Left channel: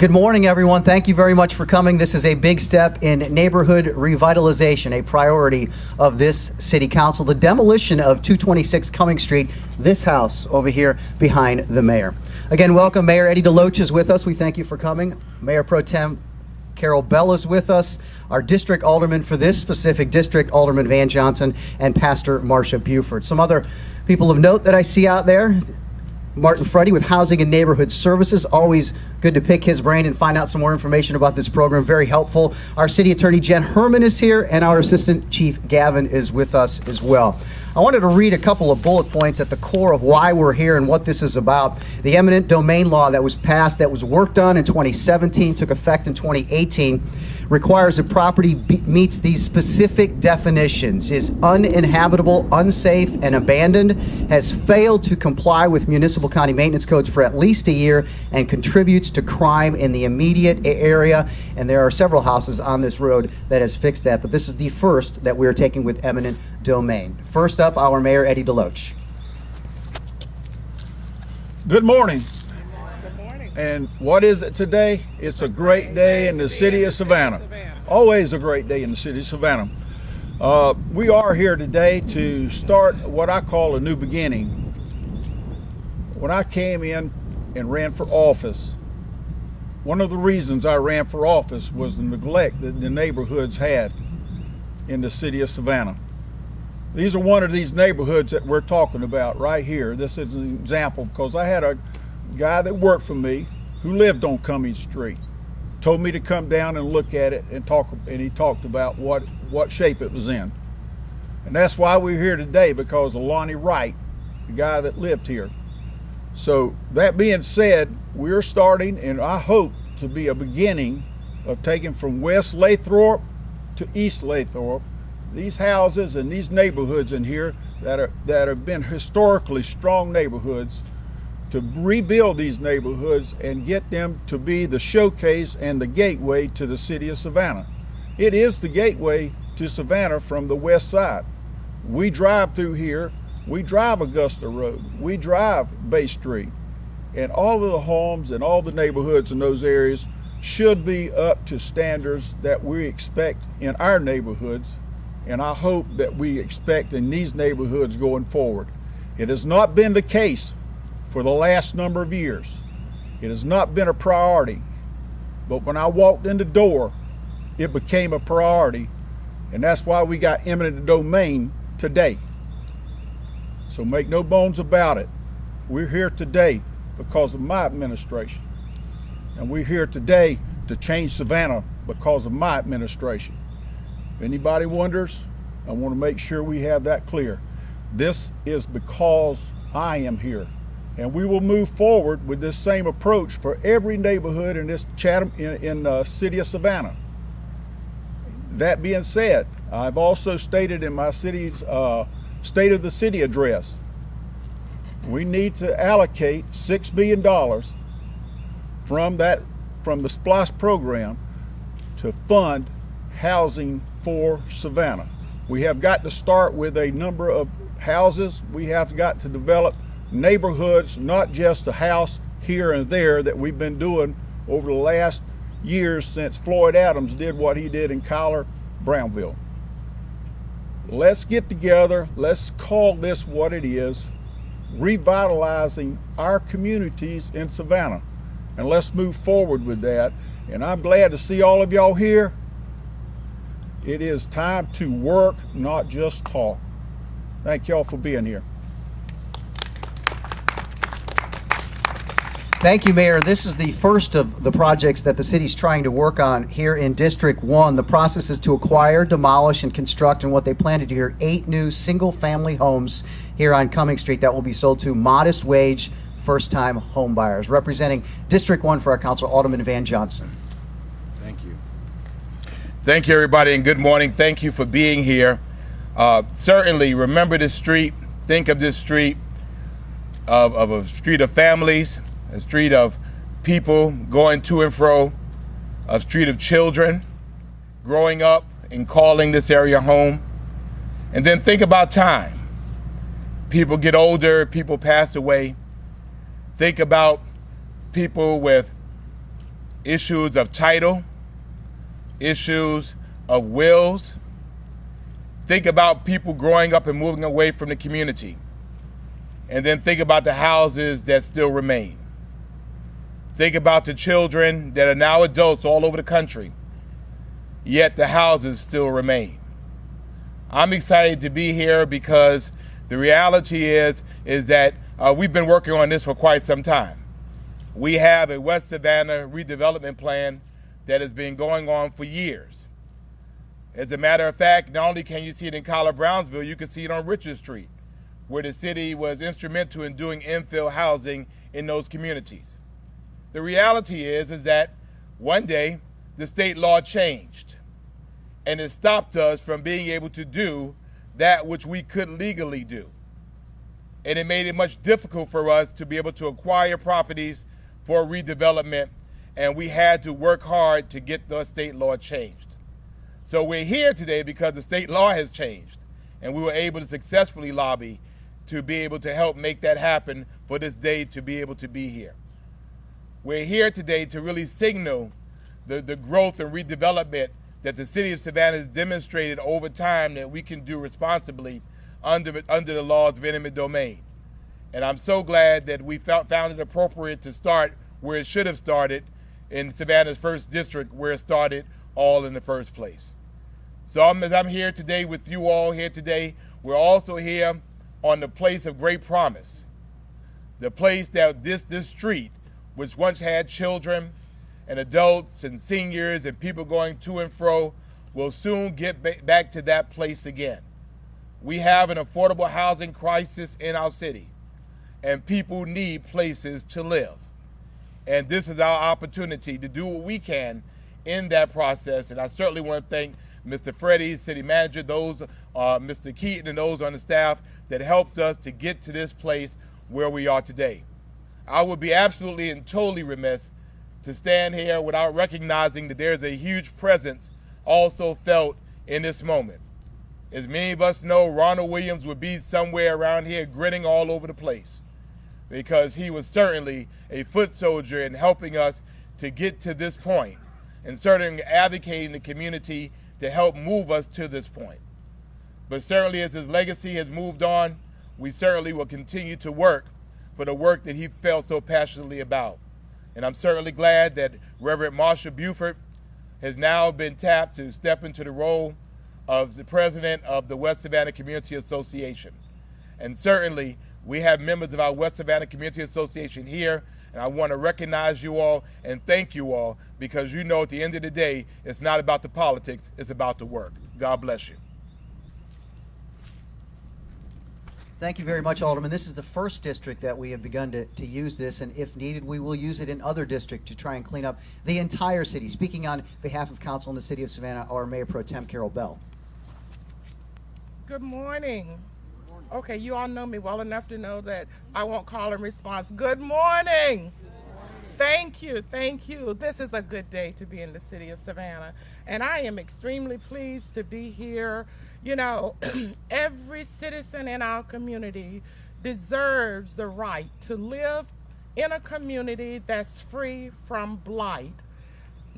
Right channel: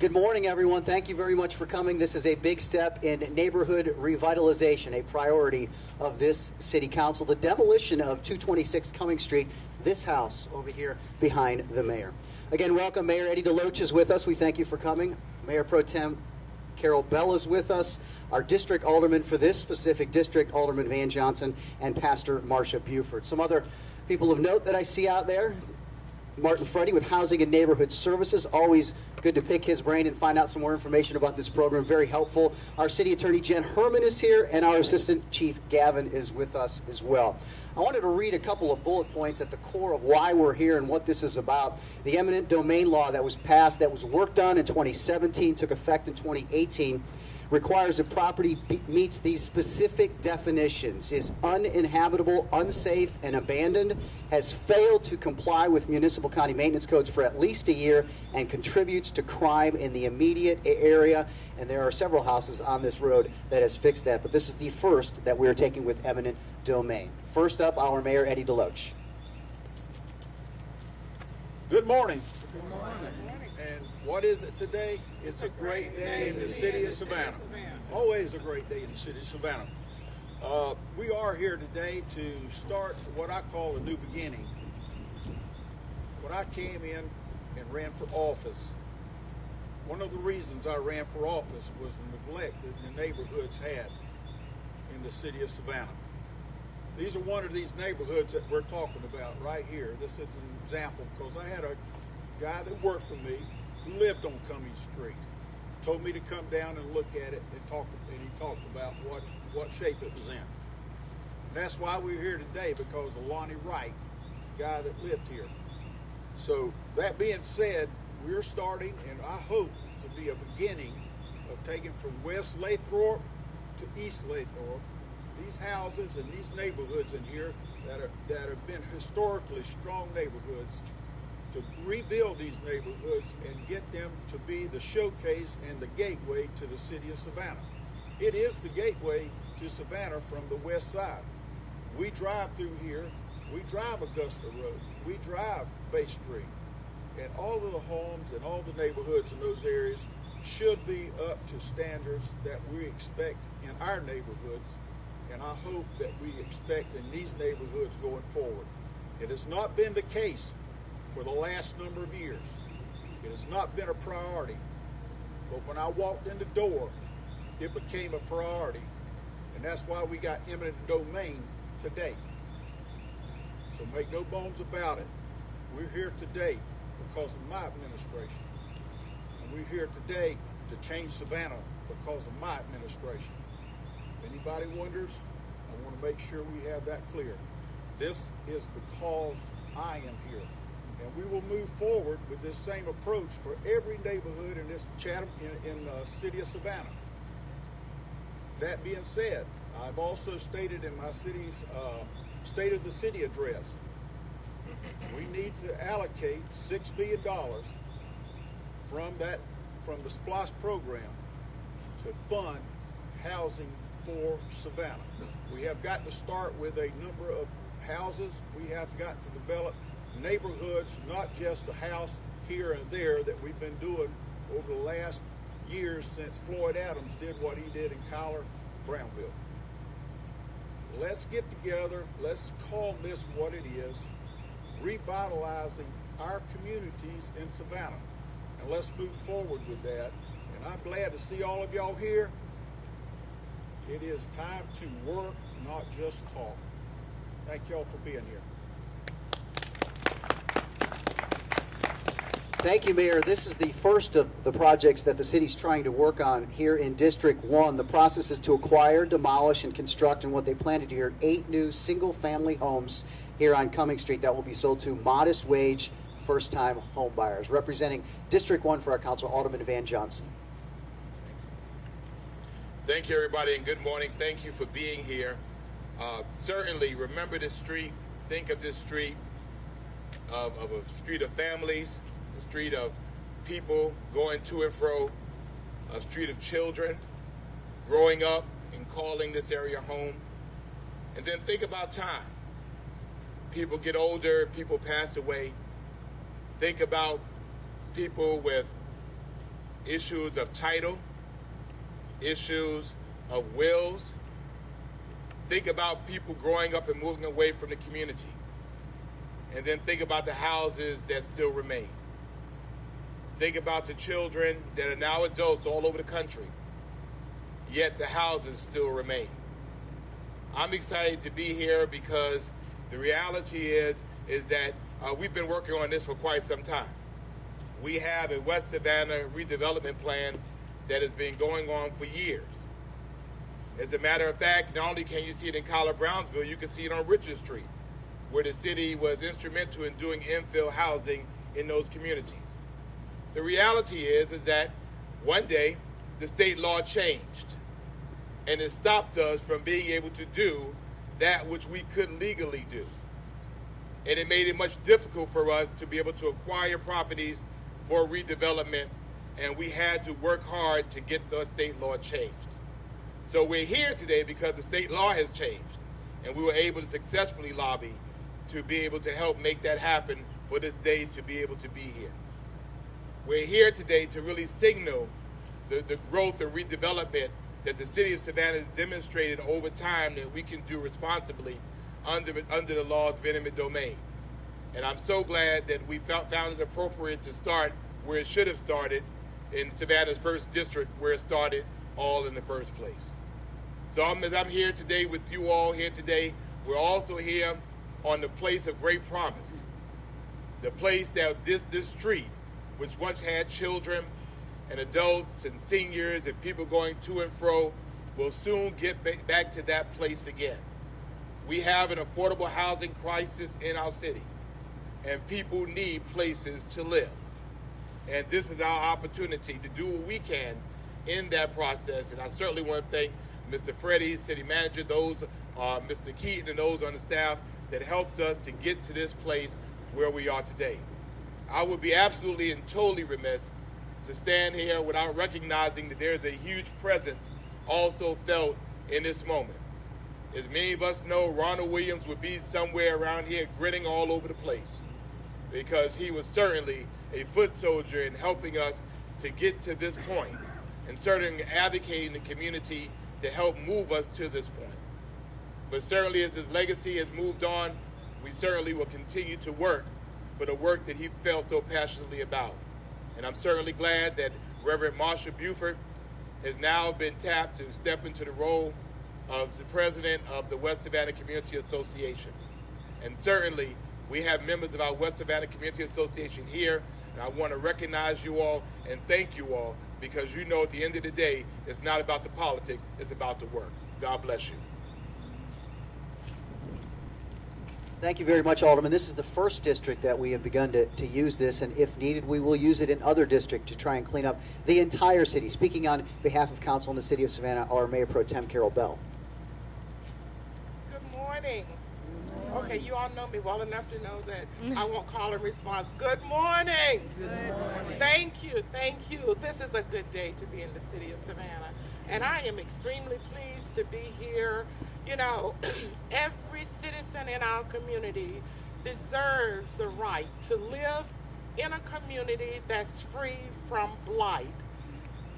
Good morning, everyone. Thank you very much for coming. This is a big step in neighborhood revitalization, a priority of this city council. The demolition of 226 Cumming Street, this house over here behind the mayor. Again, welcome. Mayor Eddie DeLoach is with us. We thank you for coming. Mayor Pro Tem Carol Bell is with us. Our district alderman for this specific district, Alderman Van Johnson, and Pastor Marcia Buford. Some other people of note that I see out there. Martin Freddy with Housing and Neighborhood Services. Always good to pick his brain and find out some more information about this program. Very helpful. Our City Attorney Jen Herman is here, and our Assistant Chief Gavin is with us as well. I wanted to read a couple of bullet points at the core of why we're here and what this is about. The eminent domain law that was passed, that was worked on in 2017, took effect in 2018, requires that property meets these specific definitions, is uninhabitable, unsafe, and abandoned, has failed to comply with municipal county maintenance codes for at least a year, and contributes to crime in the immediate area. And there are several houses on this road that has fixed that, but this is the first that we're taking with eminent domain. First up, our Mayor Eddie DeLoach. Good morning. And what is it today? It's a great day in the city of Savannah. Always a great day in the city of Savannah. We are here today to start what I call a new beginning. When I came in and ran for office, one of the reasons I ran for office was the neglect that the neighborhoods had in the city of Savannah. These are one of these neighborhoods that we're talking about right here. This is an example because I had a guy that worked for me who lived on Cumming Street told me to come down and look at it and talk, and he talked about what shape it was in. And that's why we're here today, because of Lonnie Wright, the guy that lived here. So that being said, we're starting, and I hope to be a beginning of taking from West Lathrop to East Lathrop these houses and these neighborhoods in here that have been historically strong neighborhoods, to rebuild these neighborhoods and get them to be the showcase and the gateway to the city of Savannah. It is the gateway to Savannah from the west side. We drive through here, we drive Augusta Road, we drive Bay Street, and all of the homes and all the neighborhoods in those areas should be up to standards that we expect in our neighborhoods, and I hope that we expect in these neighborhoods going forward. It has not been the case for the last number of years. It has not been a priority, but when I walked in the door, it became a priority, and that's why we got eminent domain today. So make no bones about it. We're here today because of my administration, and we're here today to change Savannah because of my administration. If anybody wonders, I want to make sure we have that clear. This is because I am here. And we will move forward with this same approach for every neighborhood in this Chatham, in the city of Savannah. That being said, I've also stated in my city's State of the City address, we need to allocate $6 billion from the SPLOST program to fund housing for Savannah. We have got to start with a number of houses. We have got to develop neighborhoods, not just a house here and there that we've been doing over the last years since Floyd Adams did what he did in Cuyler, Brownville. Let's get together, let's call this what it is, revitalizing our communities in Savannah, and let's move forward with that. And I'm glad to see all of y'all here. It is time to work, not just talk. Thank y'all for being here. Thank you, Mayor. This is the first of the projects that the city's trying to work on here in District 1. The process is to acquire, demolish, and construct, and what they plan to do here, 8 new single-family homes here on Cumming Street that will be sold to modest-wage, first-time home buyers. Representing District 1 for our council, Alderman Van Johnson. Thank you. Thank you, everybody, and good morning. Thank you for being here. Certainly, remember this street. Think of this street of a street of families, a street of people going to and fro, a street of children growing up and calling this area home. And then think about time. People get older, people pass away. Think about people with issues of title, issues of wills. Think about people growing up and moving away from the community. And then think about the houses that still remain. Think about the children that are now adults all over the country, yet the houses still remain. I'm excited to be here because the reality is that we've been working on this for quite some time. We have a West Savannah redevelopment plan that has been going on for years. As a matter of fact, not only can you see it in College Brownsville, you can see it on Richard Street, where the city was instrumental in doing infill housing in those communities. The reality is that one day the state law changed, and it stopped us from being able to do that which we could legally do. And it made it much difficult for us to be able to acquire properties for redevelopment, and we had to work hard to get the state law changed. So we're here today because the state law has changed, and we were able to successfully lobby to be able to help make that happen for this day to be able to be here. We're here today to really signal the growth and redevelopment that the city of Savannah has demonstrated over time that we can do responsibly under the laws of eminent domain. And I'm so glad that we found it appropriate to start where it should have started, in Savannah's first district, where it started all in the first place. So as I'm here today with you all here today, we're also here on the place of great promise. The place that this street, which once had children and adults and seniors and people going to and fro, will soon get back to that place again. We have an affordable housing crisis in our city, and people need places to live. And this is our opportunity to do what we can in that process. And I certainly want to thank Mr. Freddie, city manager, those, Mr. Keaton, and those on the staff that helped us to get to this place where we are today. I would be absolutely and totally remiss to stand here without recognizing that there's a huge presence also felt in this moment. As many of us know, Ronald Williams would be somewhere around here grinning all over the place, because he was certainly a foot soldier in helping us to get to this point, and certainly advocating the community to help move us to this point. But certainly as his legacy has moved on, we certainly will continue to work for the work that he felt so passionately about. And I'm certainly glad that Reverend Marsha Buford has now been tapped to step into the role of the president of the West Savannah Community Association. And certainly we have members of our West Savannah Community Association here, and I want to recognize you all and thank you all, because you know at the end of the day, it's not about the politics, it's about the work. God bless you. Thank you very much, Alderman. This is the first district that we have begun to use this, and if needed, we will use it in other districts to try and clean up the entire city. Speaking on behalf of council in the city of Savannah, our Mayor Pro Tem, Carol Bell. Good morning. Okay, you all know me well enough to know that I won't call in response. Good morning. Thank you, thank you. This is a good day to be in the city of Savannah, and I am extremely pleased to be here. You know, every citizen in our community deserves the right to live in a community that's free from blight.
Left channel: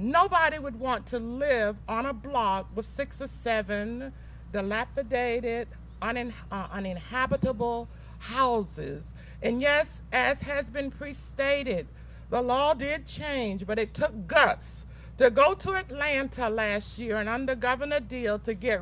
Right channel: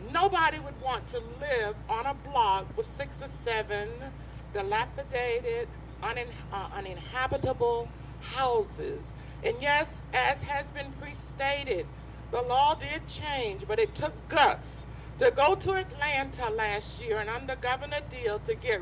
Nobody would want to live on a block with 6 or 7 dilapidated, uninhabitable houses. And yes, as has been pre-stated, the law did change, but it took guts to go to Atlanta last year and under Governor Deal to get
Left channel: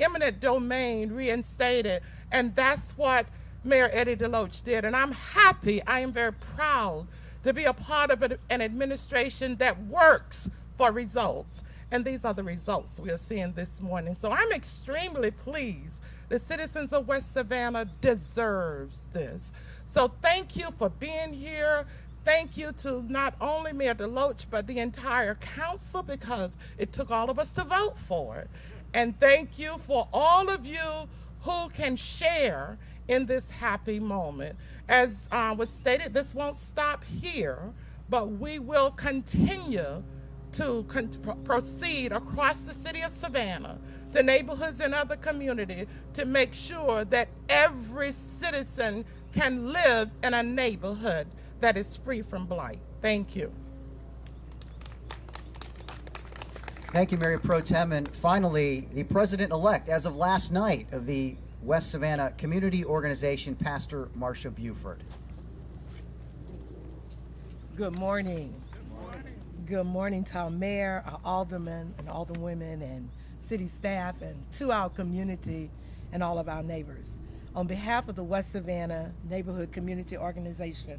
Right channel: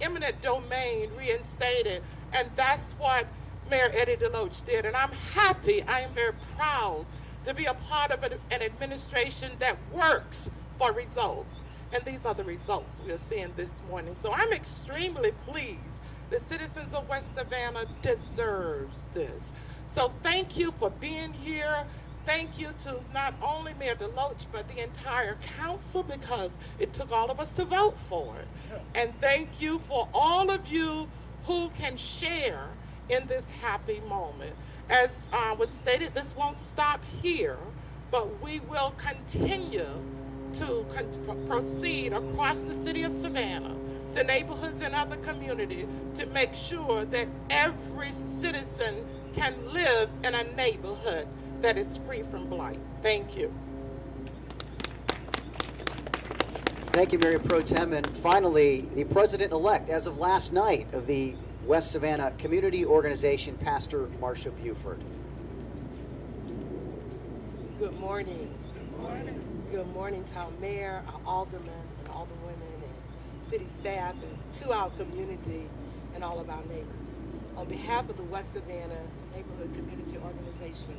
eminent domain reinstated. And that's what Mayor Eddie DeLoach did. And I'm happy, I am very proud to be a part of an administration that works for results. And these are the results we are seeing this morning. So I'm extremely pleased. The citizens of West Savannah deserves this. So thank you for being here. Thank you to not only Mayor DeLoach, but the entire council, because it took all of us to vote for it. And thank you for all of you who can share in this happy moment. As was stated, this won't stop here, but we will continue to proceed across the city of Savannah, to neighborhoods and other communities, to make sure that every citizen can live in a neighborhood that is free from blight. Thank you. Thank you, Mayor Pro Tem. And finally, the president-elect, as of last night, of the West Savannah Community Organization, Pastor Marcia Buford. Good morning. Good morning to our mayor, our aldermen and alderwomen and city staff, and to our community and all of our neighbors. On behalf of the West Savannah Neighborhood Community Organization,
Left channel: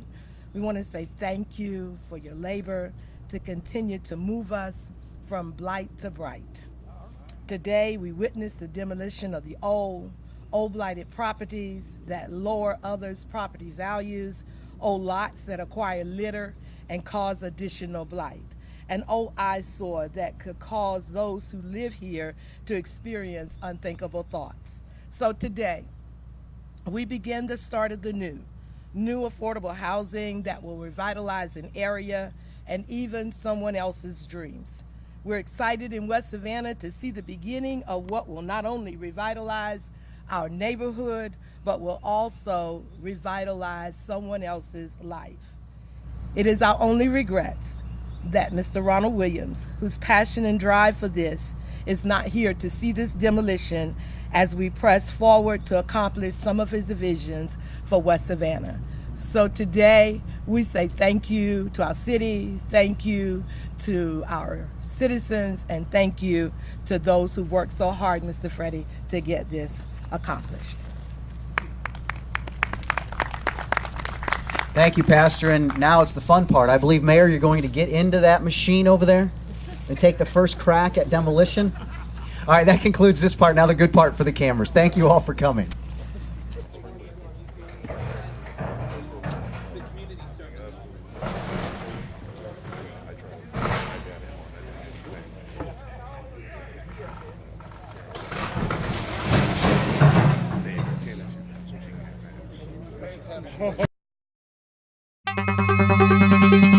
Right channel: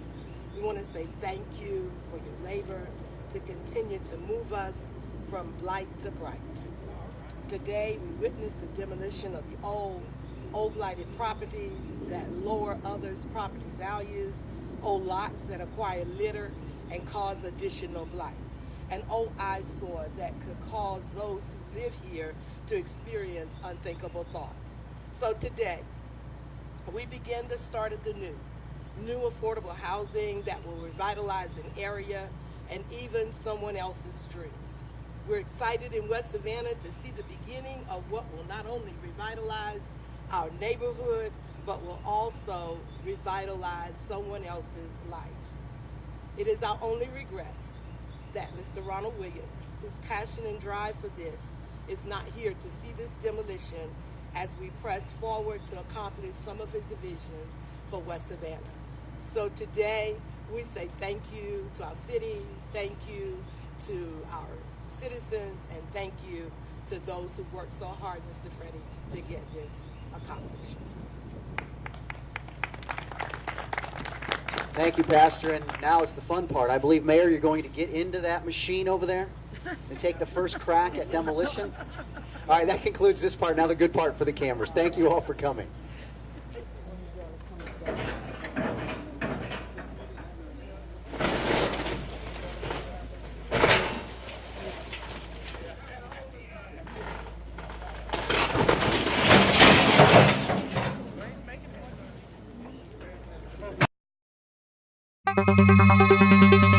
we want to say thank you for your labor to continue to move us from blight to bright. Today, we witnessed the demolition of the old blighted properties that lower others' property values, old lots that acquire litter and cause additional blight, an old eyesore that could cause those who live here to experience unthinkable thoughts. So today, we begin the start of the new affordable housing that will revitalize an area and even someone else's dreams. We're excited in West Savannah to see the beginning of what will not only revitalize our neighborhood, but will also revitalize someone else's life. It is our only regrets that Mr. Ronald Williams, whose passion and drive for this is not here to see this demolition as we press forward to accomplish some of his visions for West Savannah. So today, we say thank you to our city, thank you to our citizens, and thank you to those who worked so hard, Mr. Freddie, to get this accomplished. Thank you, Pastor. And now it's the fun part. I believe, Mayor, you're going to get into that machine over there and take the first crack at demolition. All right, that concludes this part. Now the good part for the cameras. Thank you all for coming. Thank you.